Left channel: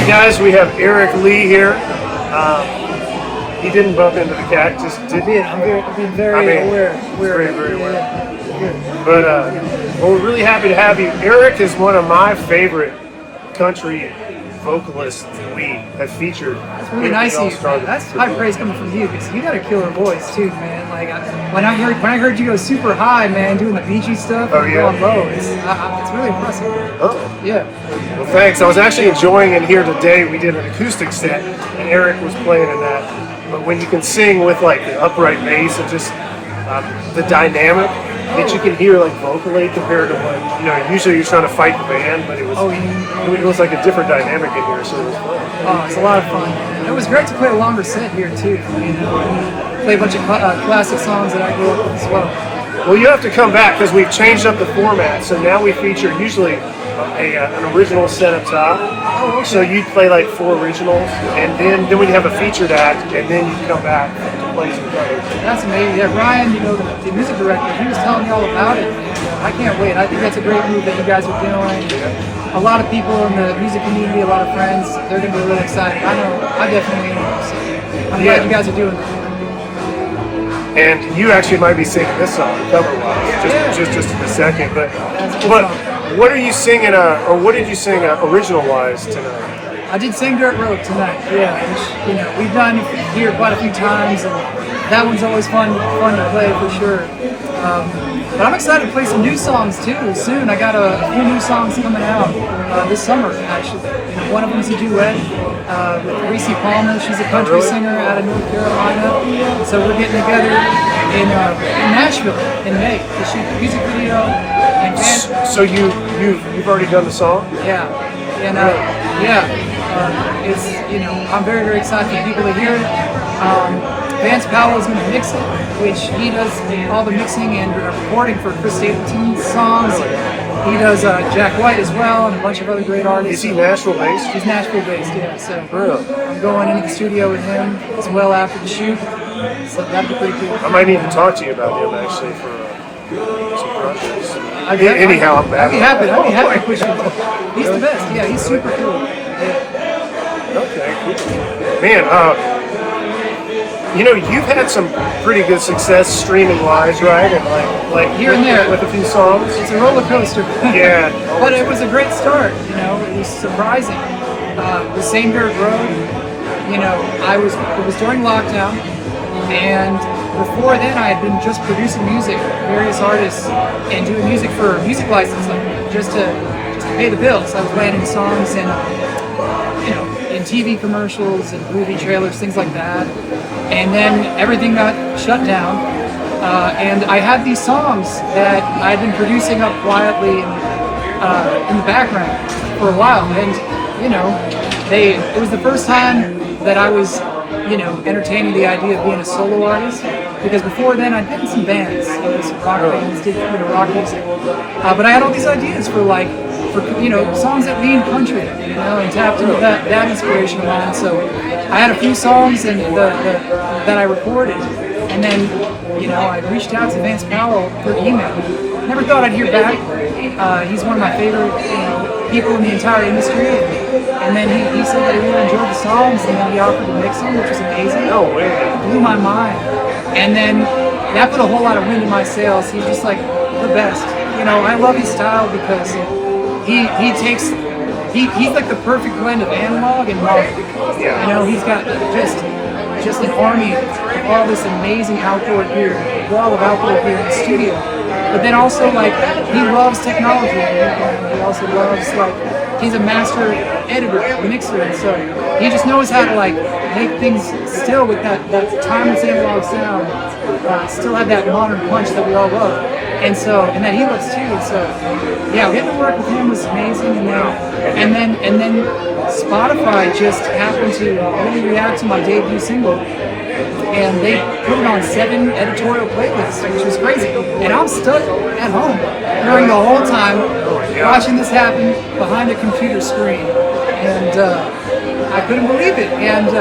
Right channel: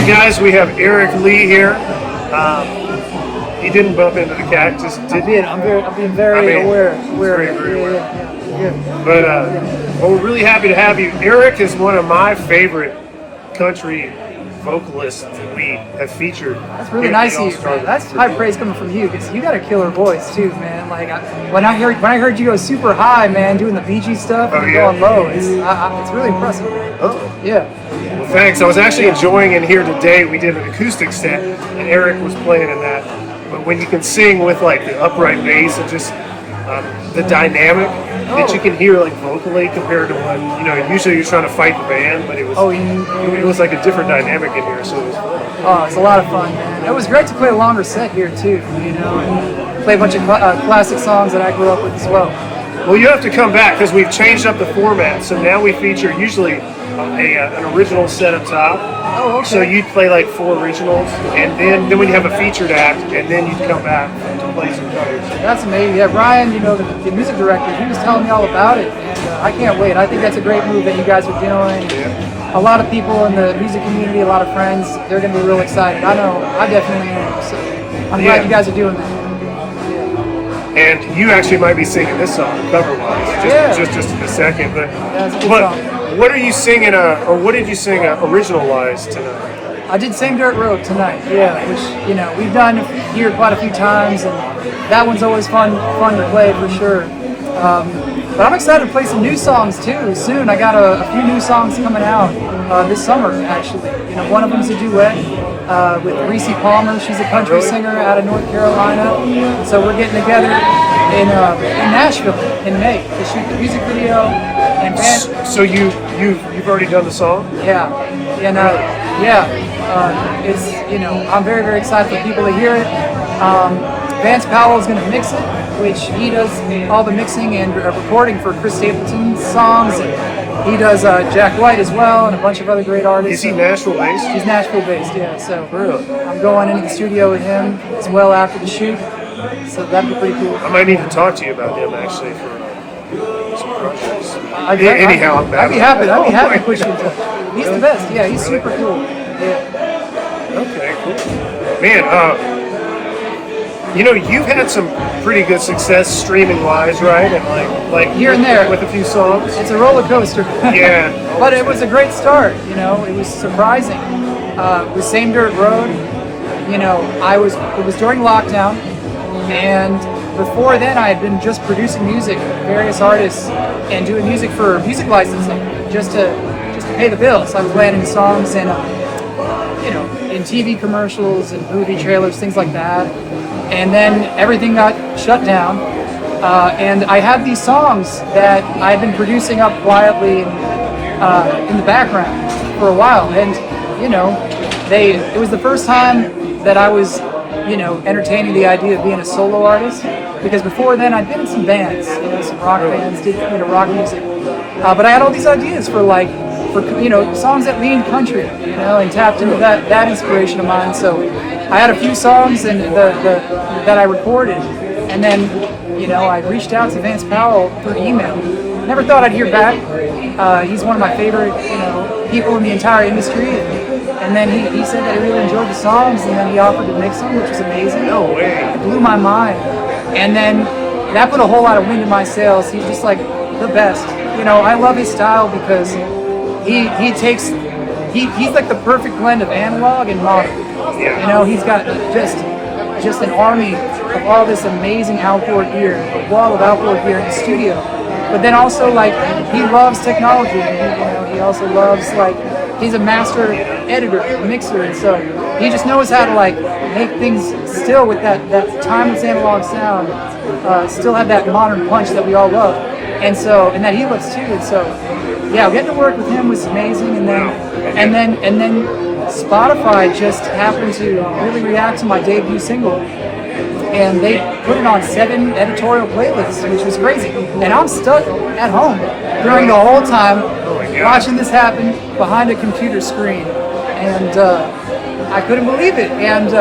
right, guys, we have Eric Lee here. He didn't bump into the cactus, did he? I'm being very aware. Very aware. Yeah. But well, we're really happy to have you. Eric is one of my favorite country vocalists that we have featured. That's really nice of you. That's high praise coming from you because you got a killer voice too, man. Like when I heard you go super high, man, doing the Beachy stuff, and going low, it's really impressive. Oh. Yeah. Well, thanks. I was actually enjoying in here today. We did an acoustic set, and Eric was playing in that. But when you can sing with like the upright bass and just the dynamic that you can hear like vocally compared to what usually you're trying to fight the band, but it was it was like a different dynamic in here, so it was fun. Oh, it's a lot of fun. It was great to play a longer set here too. And play a bunch of classic songs that I grew up with as well. Well, you have to come back because we've changed up the format. So now we feature usually an original set up top. Oh, okay. So you'd play like 4 originals, and then we'd have a featured act, and then you'd come back to play some covers. That's amazing. Yeah, Brian, the music director, he was telling me all about it, and I can't wait. I think that's a great move that you guys are doing. Yeah. A lot of people in the music community, a lot of friends, they're going to be real excited. I know, I definitely am. So I'm glad you guys are doing this. And you actually might be singing this song cover-wise, just in a second. But what are you singing, or what did you sing original-wise tonight? I did Same Dirt Road tonight, which we've done here quite a few times, and that one's always fun to play for sure. But I'm excited to play some new songs too soon. I got a few new songs coming out this summer actually. One of them's a duet with Reese Palmer. She's a country singer out of North Carolina. So we're getting together in Nashville in May to shoot the music video and dance. So you've already done the song? Yeah, and it's I'm very excited for people to hear it. Vance Powell is going to mix it, which he does all the mixing and recording for Chris Stapleton's songs. Really? He does Jack White as well, and a bunch of other great artists. Is he Nashville based? He's Nashville based, yeah. So really? I'm going into the studio with him as well after the shoot. So that'd be pretty cool. I might need to talk to you about him actually for some projects. Anyhow, I'm bad. I'd be happy to push him. He's the best. Yeah, he's super cool. Yeah. Okay, cool. Man, you've had some pretty good success streaming wise, right? And like here and there with a few songs. It's a roller coaster. Yeah. But it was a great start. It was surprising. The Same Dirt Road. It was during lockdown, and before then I had been just producing music, various artists, and doing music for music licensing, just to pay the bills. I was landing songs and in TV commercials and movie trailers, things like that. And then everything got shut down, and I had these songs that I had been producing up quietly in the background for a while, and it was the first time that I was entertaining the idea of being a solo artist, because before then I'd been in some bands, some rock bands, did rock music, but I had all these ideas for songs that lean country, and tapped into that inspiration of mine. So I had a few songs that I recorded, and then I reached out to Vance Powell through email. Never thought I'd hear back. He's one of my favorite people in the entire industry, and then he said that he really enjoyed the songs, and then he offered to mix them, which was amazing. No way! It blew my mind, and then that put a whole lot of wind in my sails. He's just like the best. I love his style because he's like the perfect blend of analog and modern. Yeah. He's got just an army of all this amazing outdoor gear, a wall of outdoor gear in the studio. But then also he loves technology. He also loves he's a master editor, mixer, and so he just knows how to make things still with that timeless analog sound, still have that modern punch that we all love, and that he loves too. And so getting to work with him was amazing. And then Spotify just happened to really react to my debut single, and they put it on 7 editorial playlists, which was crazy. And I'm stuck at home during the whole time watching this happen behind a computer screen, and I couldn't believe it. And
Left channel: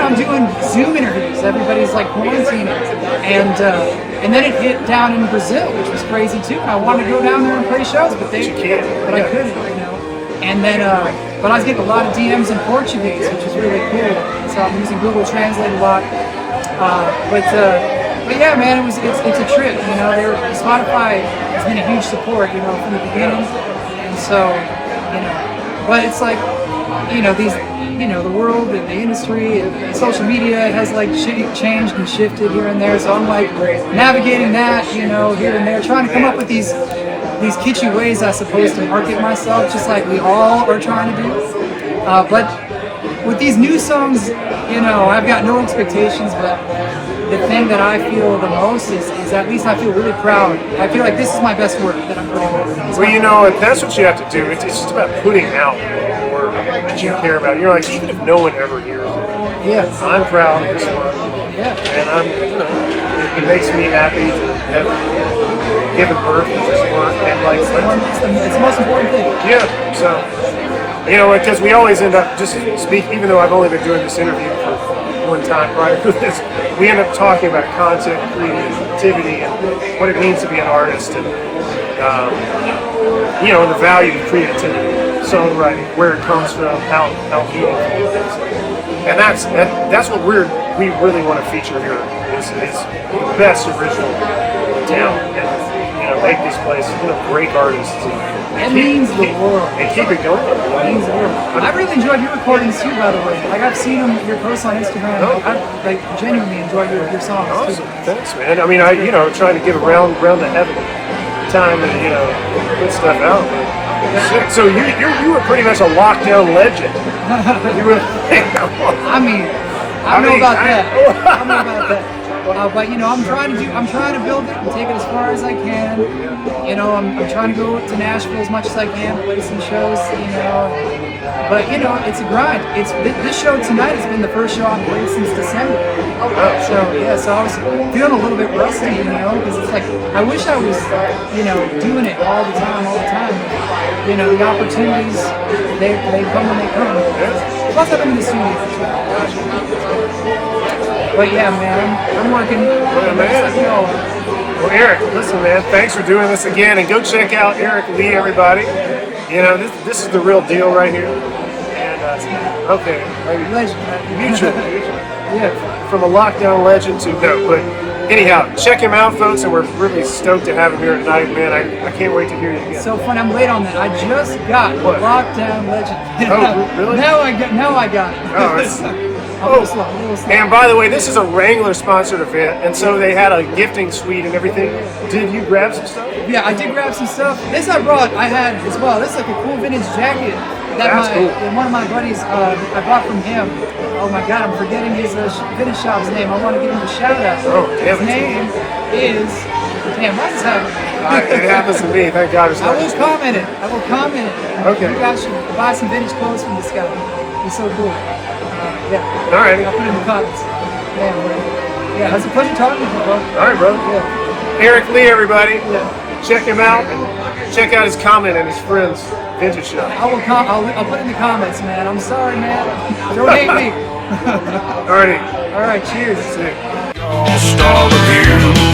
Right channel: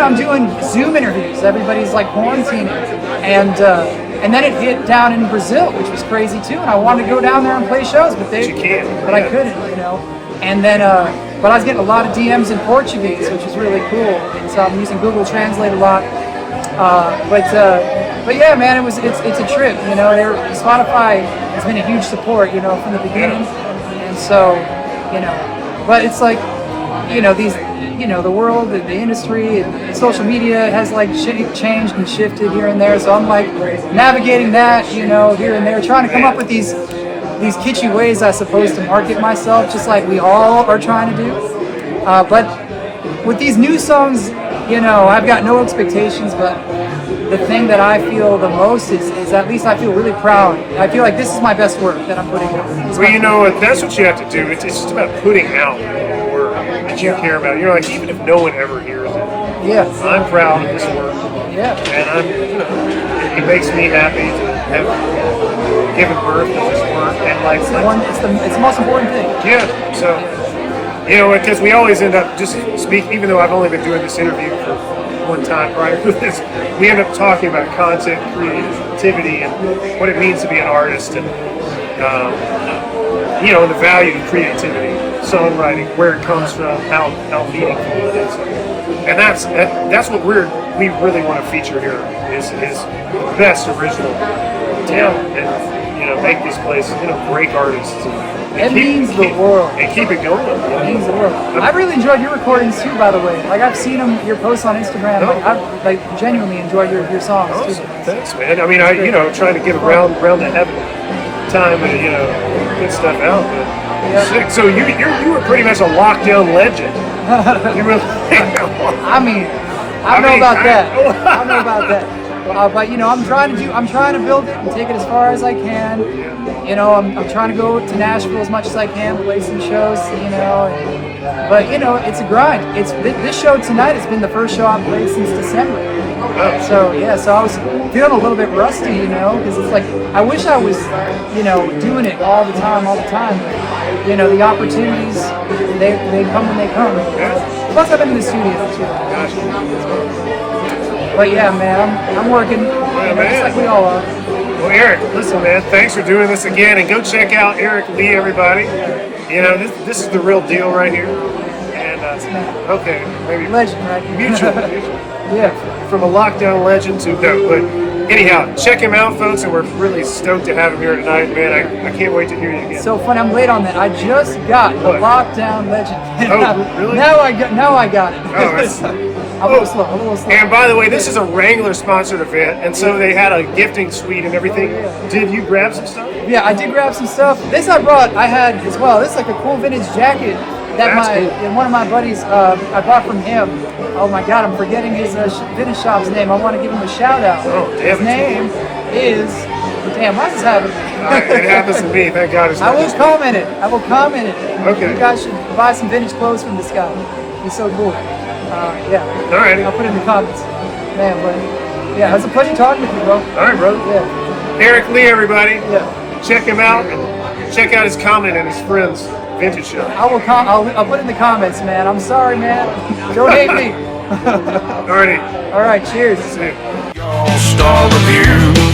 I'm doing Zoom interviews. Everybody's quarantining, and then it hit down in Brazil, which was crazy too. And I wanted to go down there and play shows, but I couldn't. And then but I was getting a lot of DMs in Portuguese, which is really cool. So I'm using Google Translate a lot. But yeah, man, it's a trip. You know, Spotify has been a huge support, you know, from the beginning, and so, you know, but it's like, you know, the world, the industry, and social media has like changed and shifted here and there. So I'm like navigating that, you know, here and there, trying to come up with these kitschy ways, I suppose, to market myself, just like we all are trying to do. But with these new songs, you know, I've got no expectations, but the thing that I feel the most is at least I feel really proud. I feel like this is my best work that I'm putting out. Well, you know, that's what you have to do. It's just about putting out work that you care about. You're like, even if no one ever hears it, yes, I'm proud of this work. Yeah. And you know, it makes me happy to have given birth to this work. And like, it's the most important thing. Yeah. So, you know, because we always end up just even though I've only been doing this interview for one time prior to this, we end up talking about content creativity and what it means to be an artist, and you know, and the value of creativity, songwriting, where it comes from, how meaningful it is, and that's what we really want to feature here is the best original talent, and you know, make this place, you know, break artists. It means the world. And keep it going. You know? It means the world. I really enjoyed your recordings too, by the way. Like, I've seen your posts on Instagram. Oh. I genuinely enjoy your songs Awesome. too. Thanks, man. I mean, you know, trying to get around to having time to, you know, put stuff out. But sick. So you were pretty much a lockdown legend. You really. I mean, I know about that. But you know, I'm trying to build it and take it as far as I can. Yeah. You know, I'm trying to go to Nashville as much as I can, play some shows. You know, but you know, it's a grind. This show tonight has been the first show I've played since December. Oh. So yeah, so I was feeling a little bit rusty, you know, because it's like I wish I was, you know, doing it all the time. But, you know, the opportunities they come when they come. Yeah. Plus, I've been in the studio for 2 hours. Gotcha. But yeah, man, I'm working. Well, man. Just like we all are. Well, Eric, listen, man, thanks for doing this again, and go check out Eric Lee, everybody. You know, this is the real deal right here. And okay, maybe Legend, right? mutual. Yeah. From a lockdown legend to no, but anyhow, check him out, folks, and we're really stoked to have him here tonight, man. I can't wait to hear you again. So fun. I'm late on that. I just got What? the lockdown legend. Oh, really? Now I got it. Oh, it's- I'm a little slow. And by the way, this is a Wrangler sponsored event, and so they had a gifting suite and everything. Did you grab some stuff? Yeah, I did grab some stuff. This I had as well. This is like a cool vintage jacket that That's cool. one of my buddies I bought from him. Oh my God, I'm forgetting his vintage shop's name. I want to give him a shout out. Oh, damn His it. name is. Damn, why does this happen? It happens to me. Thank God it's I not will just me. comment it. Okay. You guys should buy some vintage clothes from this guy. He's so cool. Yeah. Alrighty. I'll put it in the comments. Man, but yeah, it was a pleasure talking with you, bro. All right, brother. Yeah. Eric Lee, everybody. Yeah. Check him out and check out his comment and his friend's vintage shop. I'll put it in the comments, man. I'm sorry, man. Don't hate me. Alrighty. All right, cheers. See you. Y'all Star Revue.